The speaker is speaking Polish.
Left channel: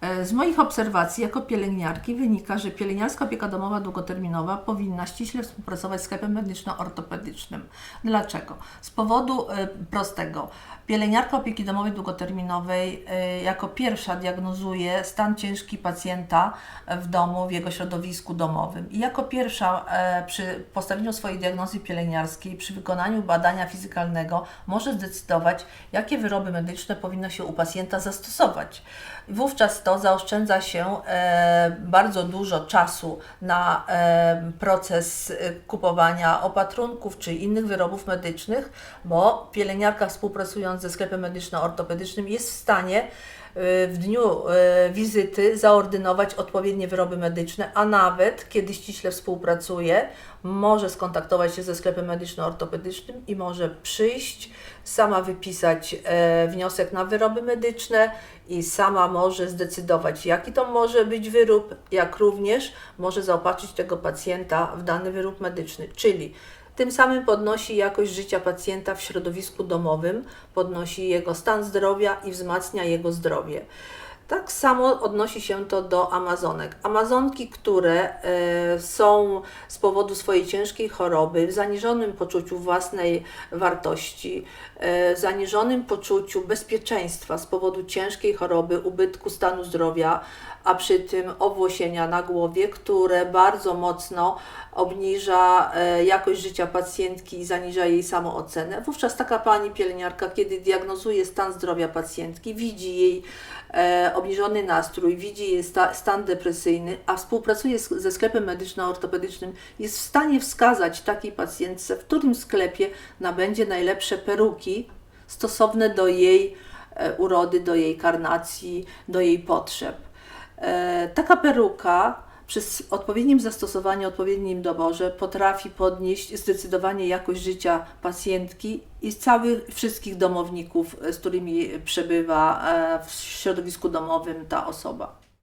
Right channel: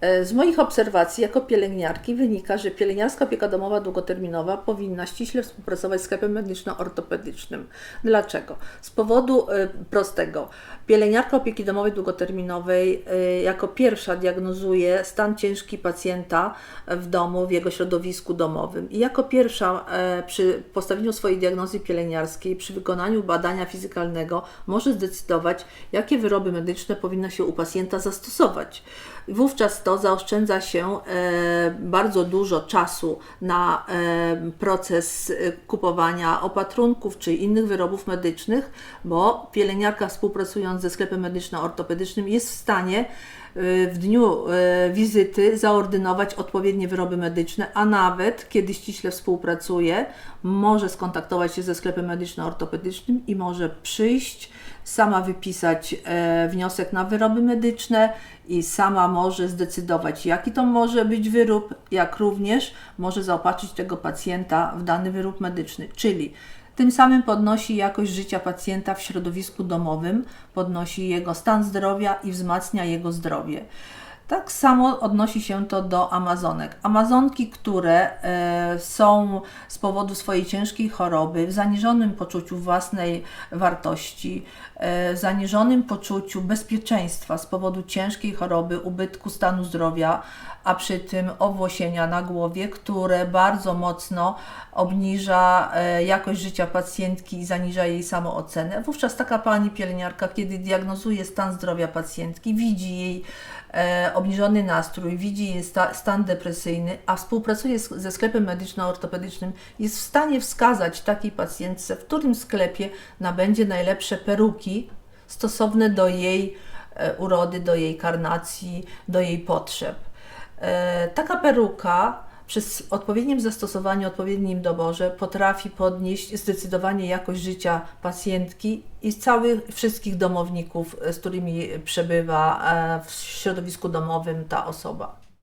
E, Z moich obserwacji jako pielęgniarki wynika, że pielęgniarska opieka domowa długoterminowa powinna ściśle współpracować z sklepem medyczno-ortopedycznym. Dlaczego? Z powodu e, prostego. Pielęgniarka opieki domowej długoterminowej e, jako pierwsza diagnozuje stan ciężki pacjenta w domu, w jego środowisku domowym. I jako pierwsza przy postawieniu swojej diagnozy pielęgniarskiej, przy wykonaniu badania fizykalnego może zdecydować, jakie wyroby medyczne powinno się u pacjenta zastosować. Wówczas to zaoszczędza się e, bardzo dużo czasu na e, proces e, kupowania opatrunków czy innych wyrobów medycznych, bo pielęgniarka współpracując ze sklepem medyczno-ortopedycznym jest w stanie w dniu e, wizyty zaordynować odpowiednie wyroby medyczne, a nawet kiedy ściśle współpracuje, może skontaktować się ze sklepem medyczno-ortopedycznym i może przyjść, sama wypisać e, wniosek na wyroby medyczne i sama może zdecydować, jaki to może być wyrób, jak również może zaopatrzyć tego pacjenta w dany wyrób medyczny, czyli tym samym podnosi jakość życia pacjenta w środowisku domowym, podnosi jego stan zdrowia i wzmacnia jego zdrowie. Tak samo odnosi się to do Amazonek. Amazonki, które e, są z powodu swojej ciężkiej choroby, w zaniżonym poczuciu własnej wartości, e, w zaniżonym poczuciu bezpieczeństwa z powodu ciężkiej choroby, ubytku stanu zdrowia, a przy tym owłosienia na głowie, które bardzo mocno obniża e, jakość życia pacjentki i zaniża jej samoocenę. Wówczas taka pani pielęgniarka, kiedy diagnozuje stan zdrowia pacjentki, widzi jej obniżony nastrój, widzi stan depresyjny, a współpracuje ze sklepem medyczno-ortopedycznym, jest w stanie wskazać takiej pacjentce, w którym sklepie nabędzie najlepsze peruki stosowne do jej e, urody, do jej karnacji, do jej potrzeb. E, Taka peruka przy odpowiednim zastosowaniu, odpowiednim doborze potrafi podnieść zdecydowanie jakość życia pacjentki i całych wszystkich domowników, e, z którymi przebywa e, w środowisku domowym ta osoba.